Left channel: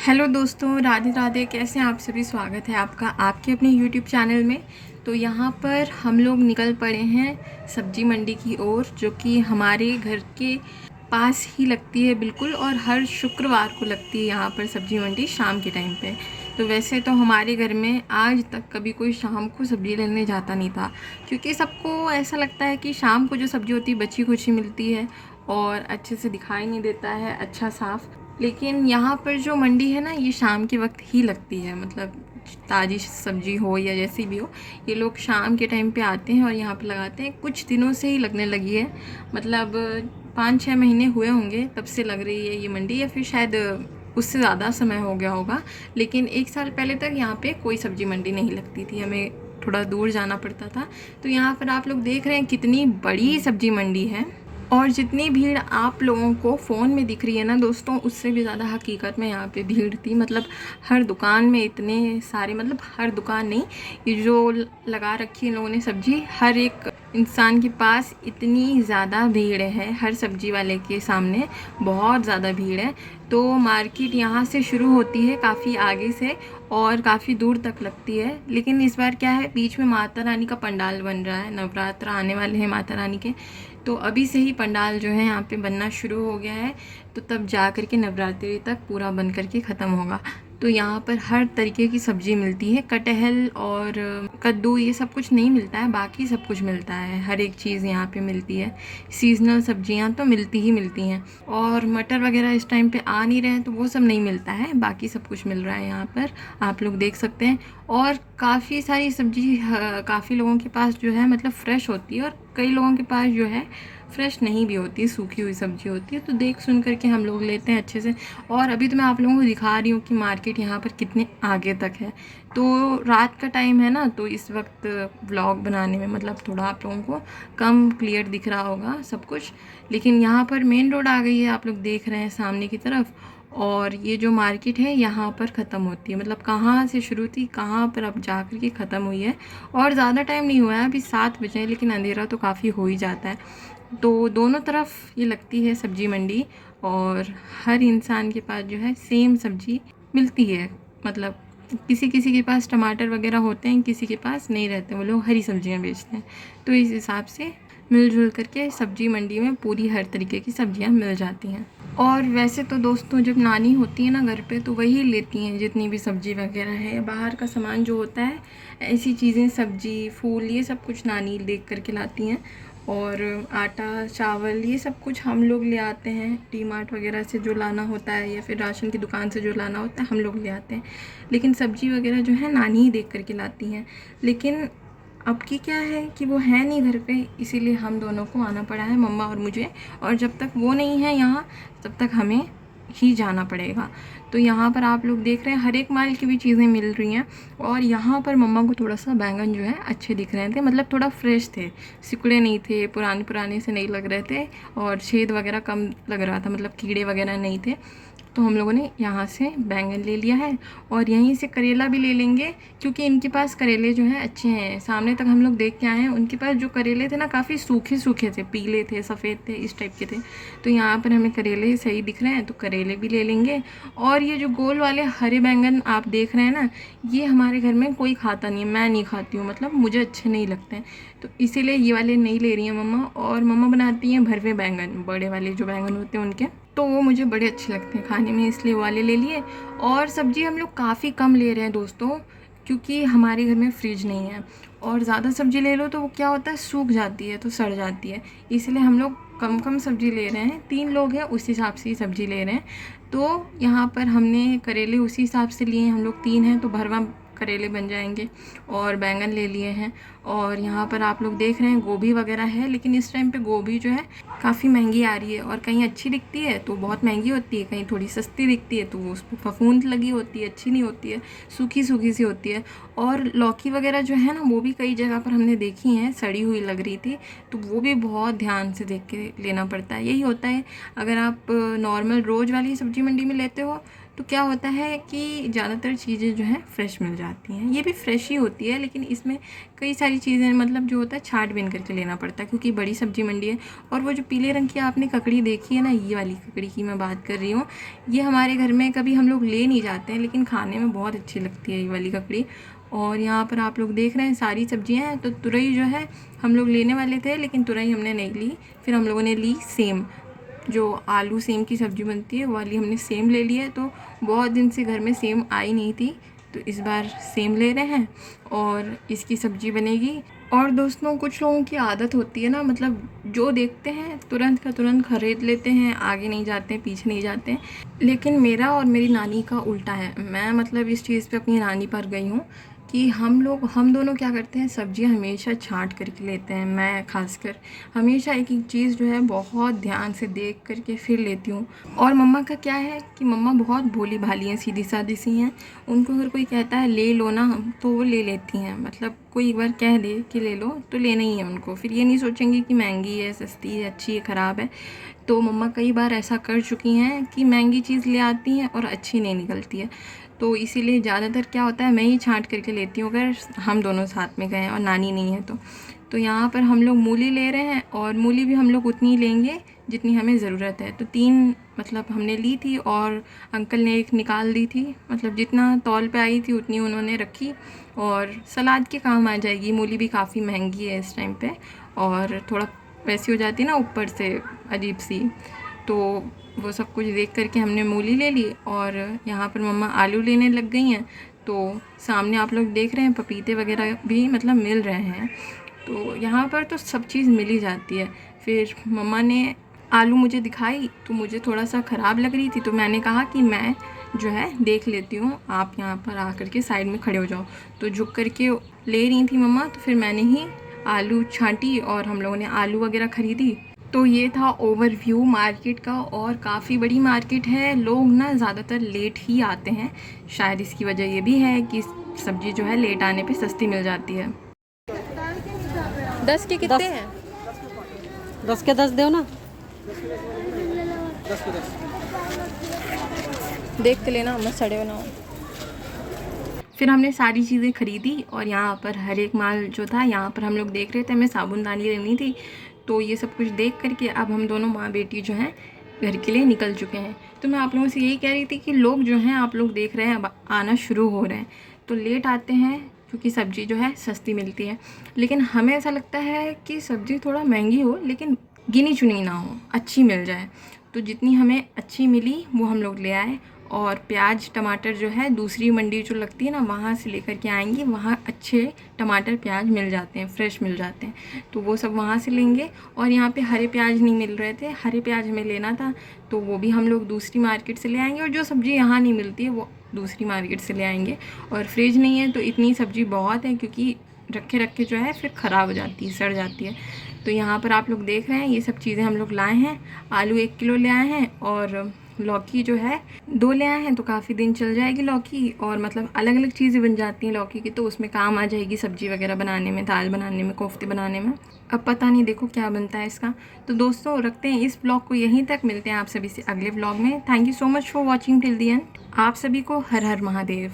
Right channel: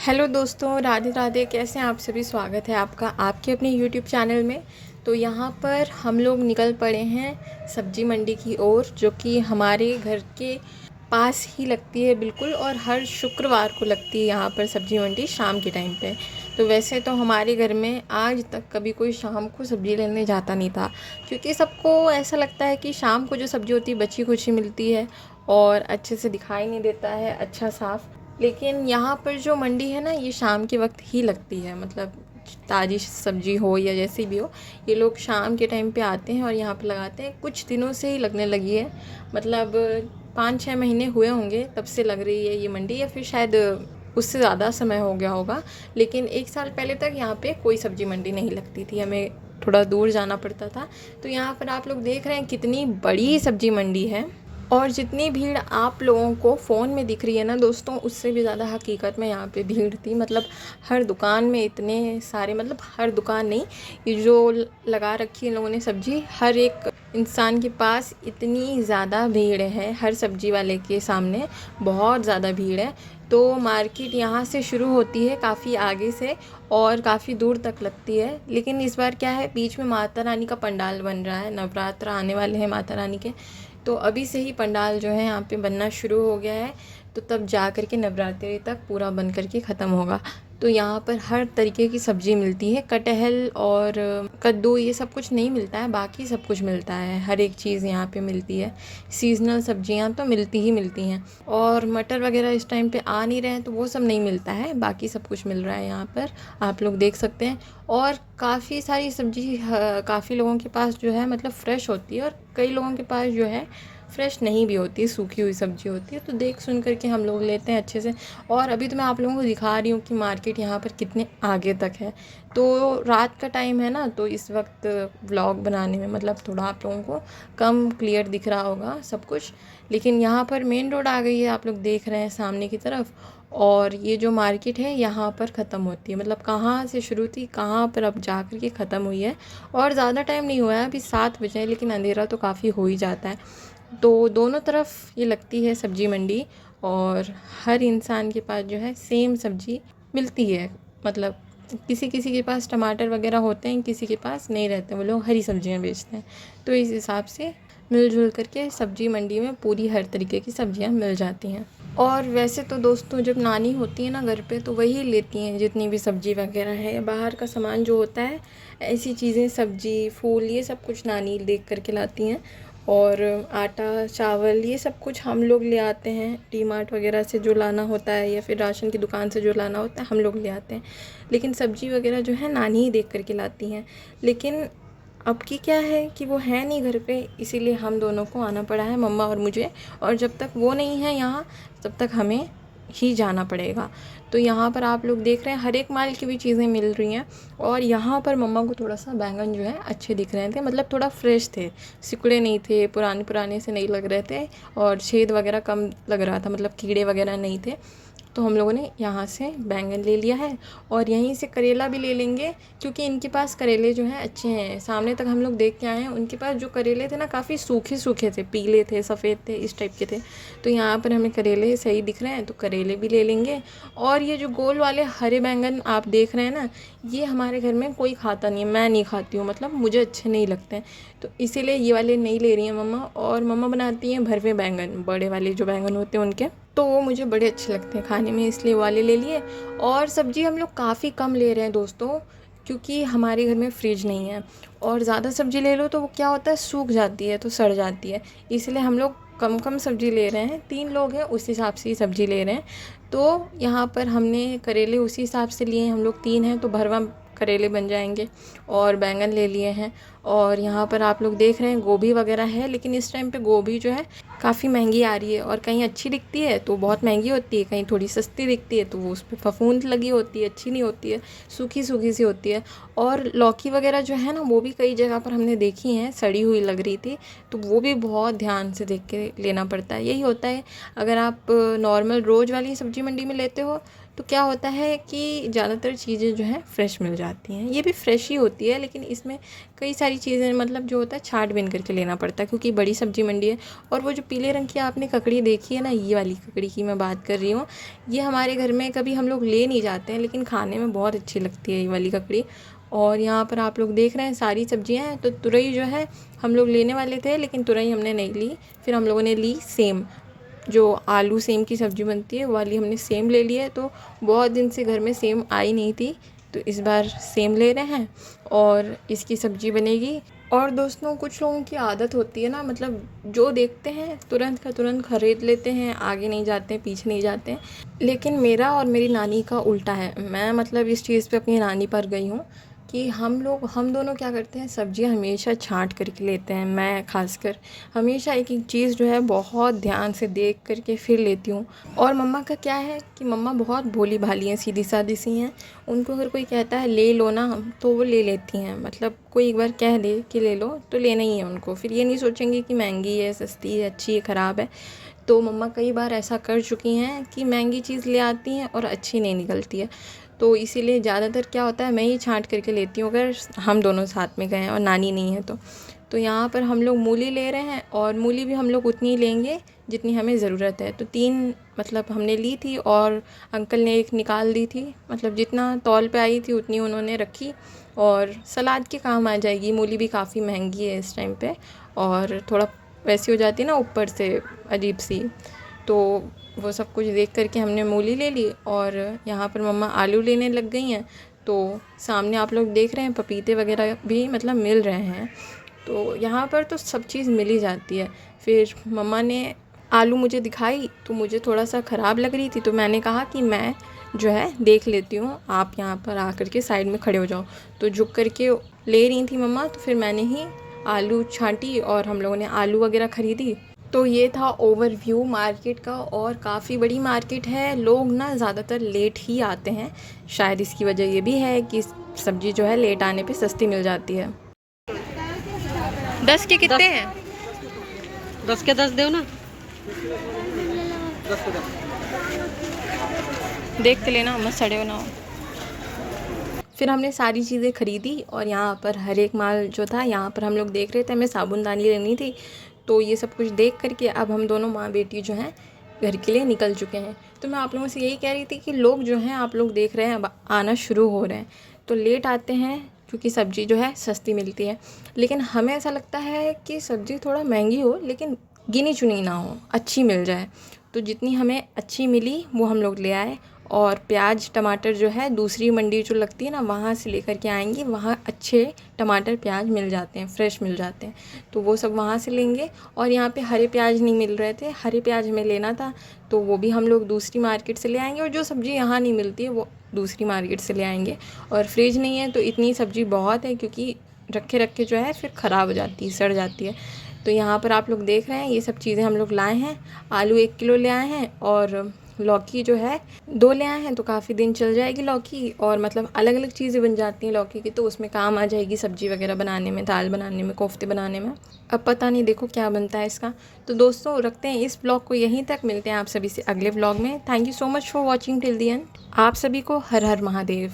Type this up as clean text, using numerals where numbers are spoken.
Hello दोस्तों, राधे राधे। कैसे हैं आप सभी? स्वागत है आपका आपके अपने यूट्यूब चैनल में। तो यहाँ पर हम लोग निकल पड़े हैं सब्जी मंडी की ओर, जो कि हमारे घर के पास ही लगती है बिल्कुल, और हर शुक्रवार को लगती है यहाँ पर सब्जी मंडी शाम के टाइम पे। तो वैसे तो हमारे घर में आज तक कभी कोई शाम को सब्ज़ी लेने जाता नहीं था, क्योंकि सबको ऐसा लगता है कि शाम को जो सब्ज़ी होती है बची खुची मिलती है और अच्छे से दिखाई नहीं देता है अच्छा साफ़। लेकिन यहाँ पर जो मंडी है ना, ये शाम के वक्त ही लगती है। मतलब ताज़ी सब्ज़ी हो या जैसी भी हो, ये लोग शाम के टाइम पे आते हैं और यहाँ पे लगाते हैं। कुछ दिनों से ही लगने लगी है, मतलब 5-6 महीने हुए होंगे तब से लग रही है ये मंडी, या फिर शायद उससे ज़्यादा समय हो गया होगा। लेकिन 1 साल पहले तक यहाँ पे कोई सब्ज़ी मंडी नहीं लगती थी, हमें थोड़ा दूर जाना पड़ता था। तो यहाँ पर आप लोग देख रहे हैं कितनी बड़ी सब्ज़ी मंडी है, और जितनी भीड़ आप लोगों को फ़ोन में दिख रही है ना दोस्तों, उससे भी ज़्यादा हकीकत में यहाँ पे भीड़ थी। मतलब हर दुकान में इतने सारे, मतलब हर दुकान नहीं, ये जो लगा रखी है इन लोगों ने सब्ज़ी, हर एक इंसान के पास इतनी ज़्यादा भीड़ है। हर सब्ज़ी वाले के सामने बहुत ज़्यादा भीड़ है। तो मार्केट यहाँ से शुरू होती है काफ़ी आगे से, और काफ़ी दूर तक लगती है। लेकिन इस बार क्या है, बीच में माता रानी का पंडाल बन रहा है, नवरात्र आने वाले हैं माता रानी के। तो अभी से ही पंडाल जो है यहाँ पे बनना शुरू हो गया है, तो तब जा कर के नवरात्रि तक पूरा बन कर के ख़त्म होगा। तो यहाँ पर हर तरीके की सब्ज़ी मिलती है। कटहल और कद्दू ये सब कुछ नहीं मिलता है, बाकी सब कुछ मिलता है। हर एक चीज़ यहाँ पे मिलती है। सीज़नल सब्जियाँ तो मिलती ही मिलती हैं, और मटर वगैरह इस टाइम पे आ नहीं रहे हैं तो वो सब नहीं मिलता है, बाकी सब कुछ मिल रहा है यहाँ पर, आप लोग देख सकते हैं। और काफ़ी सारी सब्ज़ी काफ़ी लोगों के पास जो है मतलब फ़्रेश होती है, और कई लोगों के पास जो है फ़्रेश नहीं भी होती, सूखी हुई सब्ज़ी होती है। तो देख सुन करके हम लोग लेते हैं अच्छे से। और अभी तो मैं आप लोगों को दिखा रही हूँ कि मार्केट यहाँ पर कितने आगे तक है। तो रात का टाइम है ना, तो इस वक्त व्लॉग बनाने में मतलब थोड़ा आप लोगों को कम क्लियर दिख रहा होगा सब कुछ। लेकिन यहाँ पर मेन रोड आ गई है, आप लोग देख रहे हैं सामने की तरफ। और ये जो मार्केट है यहाँ पर ख़त्म होती है, मतलब कहाँ से शुरू थी कहाँ पर अब जा कर के ख़त्म हुई है। और ज़्यादा टाइम नहीं हुआ है, अभी 7 बजे हैं, लेकिन अंधेरा तो काफ़ी हो ही जाता है। तो दोनों तरफ ये लगती है सब्ज़ी मंडी, और हर इंसान के पास जो है सेम सब्ज़ी मिलती है। मतलब किसी किसी के पास टमाटर वगैरह होते हैं, किसी के पास नहीं रहते, वो लोग हरी सब्जियां बेचते हैं। तो इस हिसाब से मिलजुल करके सब्ज़ी मंडी में पूरी हर तरीके की सब्जियां मिल जाती हैं। और वैसे तो दोस्तों जब नानी होती है ना घर पे, तो वही लेती हैं जितनी भी सब्ज़ी वगैरह है। बाहर का सामान जो होता है, ऐसी चीज़ें, सब्ज़ी फूल, ये सब कुछ नानी देख करके लाती हैं। और आटा चावल ये सब कुछ हम लोग ले आते हैं, डी मार्ट वगैरह से जो लाना होता है, या फिर राशन की दुकान से जो लाना होता है हम लोग ले आते हैं। लेकिन सब्ज़ी वगैरह जो है नानी ही देख करके लाती हैं। लेकिन अब की क्या है कि वो है नहीं घर पे, इसीलिए हम दोनों को आना पड़ा है, मम्मा और मुझे। और जब तक वो नहीं है यहाँ, तब तक हमें ही जाना पड़ेगा। तो यहाँ पर आप लोग देख रहे हैं हर एक माल की भी चीज़ें मिल रही हैं। और यहाँ पर मम्मा को थोड़ा सा बैंगन जो है अच्छे दिख रहे थे, मतलब थोड़ा फ्रेश थे, सिकुड़े नहीं थे, पुराने पुराने से नहीं लग रहे थे, और छेद वगैरह कम लग रहा था, मतलब कीड़े वगैरह नहीं थे। तो हम लोगों ने यहाँ से बैंगन ले लिया है, और यहीं से करेला भी ले लेंगे, क्योंकि इनके पास करेले जो हैं अच्छे हैं। सामने तक हम लोग देख के आए हैं, उनके पास जो करेले थे ना काफ़ी सूखे सूखे थे, पीले थे, सफ़ेद थे, इस टाइप के थे। तो यहाँ पर हमें करेले सही दिख रहे हैं, तो करेले भी ले लेंगे। और ये जो गोल वाले हरे बैंगन आप देख रहे हैं ना, ये हमारे घर में कोई खाता नहीं है, मैं नहीं खाती हूँ, मतलब मुझे अच्छे नहीं लगते हैं। तो इसीलिए ये वाले नहीं ले रही हैं मम्मा। और मम्मा बनाती हैं भरवे बैंगन, बड़े वाले जो बैंगन होते हैं उनके, तो वो मुझे बड़े अच्छे लगते हैं खाने में, इसलिए वाले ले लिए। और सब्ज़ी हम लोग काफ़ी कम ले रहे हैं दोस्तों, क्योंकि हमारे घर में फ्रिज नहीं है। और ज़्यादा सब्ज़ी ले लो तो वो क्या होता है, सूख जाती है, तो सड़ जाती है। इसलिए हम लोग कम कम सब्ज़ी ले रहे हैं, 3 लोग हैं उस हिसाब से ही सब्ज़ी ले रहे हैं। तो यहाँ पर हमने करेले उसी हिसाब से लिए हैं, हम लोग 3 हैं तो भरवा करेले बन जाएंगे। और बैंगन ले लिए हैं। और यहाँ पर आप लोग देख रहे हैं गोभी वगैरह है, लेकिन इस टाइम पे गोभी जो है काफ़ी महंगी आ रही है। और कहीं अच्छी दिखती है तो बहुत महंगी होती है, कहीं थोड़ी सस्ती दिखती है तो वो उस पर फफूंद लगी होती है, अच्छी नहीं होती है, सूखी सूखी सी होती है। और लौकी वगैरह जो है ना, वो भी कई जगह पर हमने देखी हैं, सड़ी हुई लग रही थी, तो वो भी बहुत ध्यान से देख के लेना पड़ता है। यही होता है, अगर आप नॉर्मल रोज़ वाली सब्ज़ी मंडी में लेते हो तो क्या होता है कि ज़्यादातर चीज़ें जो हैं फ्रेश मिल जाती हैं। ये भी फ्रेश ही होती है, लेकिन इसमें कई सारी चीज़ें मतलब जो होता है छाँट-बीन करके लेना पड़ता है, क्योंकि बड़ी सब्ज़ी मंडी है। और वो जो पीले रंग की आपने ककड़ी देखी है ना, ये वाली ककड़ी की मैं बात कर रही हूँ। ये हमारे घर में कभी हम लोग ले नहीं जाते हैं, लेकिन खाने में बहुत अच्छी लगती है ये वाली ककड़ी। और यहाँ पर आप लोग देख रहे हैं सारी सब्जियां हैं। तो तुरई जो है हम लोग लेने वाले थे, लेकिन तुरई हमने नहीं ली। फिर हम लोगों ने ली सेम, जो आलू सेम की सब्ज़ी बनती है वो वाली हमने सेम ले ली है। तो बहुत दिन से घर में सेम आई नहीं थी, तो इस बार सेम ले रहे हैं और इसकी सब्ज़ी बनेगी। और दोस्तों, कुछ लोगों की आदत होती है ना, मतलब जो देखते हैं तुरंत का तुरंत ख़रीद लेते हैं, आगे नहीं जाते हैं, पीछे नहीं जाते हैं। लेकिन मेरा और मेरी नानी का उल्टा है। मैं मतलब इस चीज़ पे अपनी नानी पर गई हूँ कि हम दोनों क्या करते हैं, सब्जियां हमेशा छांट करके लेते हैं। मैं खासकर हमेशा एक एक चीज़ जो है बहुत ध्यान से देख करके फिर लेती हूँ। और मम्मा का क्या है कि मम्मा बहुत भोली भाली हैं, सीधी सादी सी हैं। उनको अगर कोई कहता है ले लो ना, तो वो ले लेती हैं। मतलब कोई एक बार कह दे कि ले लो तो लेना ही है उनको, फिर ये नहीं सोचेंगे कि महंगी है, सस्ती है, अच्छी है, ख़राब है। तो मम्मा कई बार ऐसा कर चुकी हैं कि महंगी चीज़ ले आती हैं और अच्छी नहीं निकलती है। तो इसीलिए ज़्यादातर क्या होता है, मैं ही छांट करके लेती हूँ अगर हम दोनों साथ में गए हैं और नानी नहीं है तो यहाँ पर हम लोग मूली ले रहे हैं, और मूली भी हम लोग उतनी लेंगे जितनी हमें ज़रूरत है। तो 3 मतलब हमने ली थी और अंकल ने 1 निकाल दी थी। मतलब जितना तौल पे आई थी उतनी उन्होंने रखी, और सलाद के काम आ जाएगी। मूली भी काफ़ी महंगी है इस टाइम पे, और थोड़ा वैसी हो जाती है ना ऊपर से अजीब सी। तो वो सब कुछ देख करके हमने मूली ले ली, और यहाँ पर मम्मा आलू लेने लग गई हैं। तो सामने आप लोग देख रहे हैं पपीते वगैरह भी मतलब मिल रहे हैं। तो यहाँ पर तो सब चीज़ मिल ही जाती है। फिर मम्मा ने आलू मुझे दिखाई तो मुझे थोड़ा सा ख़राब लग रही थी, तो मैंने कहा कि मैं जो है देख लेती हूँ, आप यहाँ पर आकर के साइड में खड़े हो जाओ। तो झुक करके ले रही थी मम्मा, तो फिर मैंने ही आलू छांटी और हम लोगों ने आलू वगैरह ख़रीदी। तो ये था ओवरव्यू मार्केट का, और काफ़ी बड़ी मार्केट है। लोग ना ज़्यादातर लेट ही आते हैं, शायद इसकी वजह ये भी है कि सब्ज़ी जो है लेट आने पे सस्ती मिल जाती है। 10 के कितने हैं? 10 के 10 दो ना। देख के लेना, मत सड़े हो ना हो। फिर हमने सारी चीज़ें ख़रीदी, और यहाँ पर हर एक माल जो था यहाँ पर हम लोग देख रहे थे। हमें साबुनदानी लेनी थी, तो ये सब कुछ देख करके अब हम दोनों माँ बेटी जो हैं घर के लिए निकल चुके हैं। तो मैं आप लोगों से यही कह रही थी कि लोग जो हैं, आप लोग देख रहे हैं, अब आना शुरू हो रहे हैं। तो लेट आते हैं क्योंकि सब्ज़ी जो है सस्ती मिलती है। लेकिन हमें ऐसा लगता है कि सब्ज़ी थोड़ा महंगी हो, लेकिन गिनी चुनी ना हो, अच्छी मिल जाए। तो जितनी हमें अच्छी मिली वो हम लोग ले आए। और प्याज टमाटर जो है दूसरी मंडी जो लगती है ना, वहाँ से लेकर के आएंगे। वहाँ अच्छे टमाटर प्याज मिल जाते हैं, फ्रेश मिल जाते हैं, तो वो सब वहाँ से लेंगे। और यहाँ पे हरे प्याज नहीं मिल रहे थे, हरे प्याज हमें लेना था, तो वो भी हम लोग दूसरी मार्केट से ले आएंगे। और जो सब्ज़ी यहाँ नहीं मिलती है वो दूसरी मार्केट से ले आएंगे। और फ्रिज नहीं है तो इतनी सब्ज़ी बहुत है, क्योंकि रखे रखे जो है फिर ख़राब हो जाती है, सड़ जाती है। तो यहाँ पर आप लोग देख रहे हैं ये सब चीज़ें हम लोग लाए हैं। आलू 1 किलो ले आए हैं, और लौकी जो है 2 ले आए हैं, तो काफ़ी दिन चल जाएगी लौकी। और मतलब अलग अलग चीज़ें बन जाती हैं लौकी की, तो उसमें काम आ जाएगी सब्ज़ी वगैरह बनाने में, दाल बनाने में, कोफ्ते बनाने में। अब पता नहीं देखो क्या बनता है इसका। तो दोस्तों, रखते हैं इस ब्लॉग को यहीं तक। मिलते हैं आप सभी से अगले ब्लॉग में। Thank you so much for watching till the and. आप सभी को हर हर महादेव।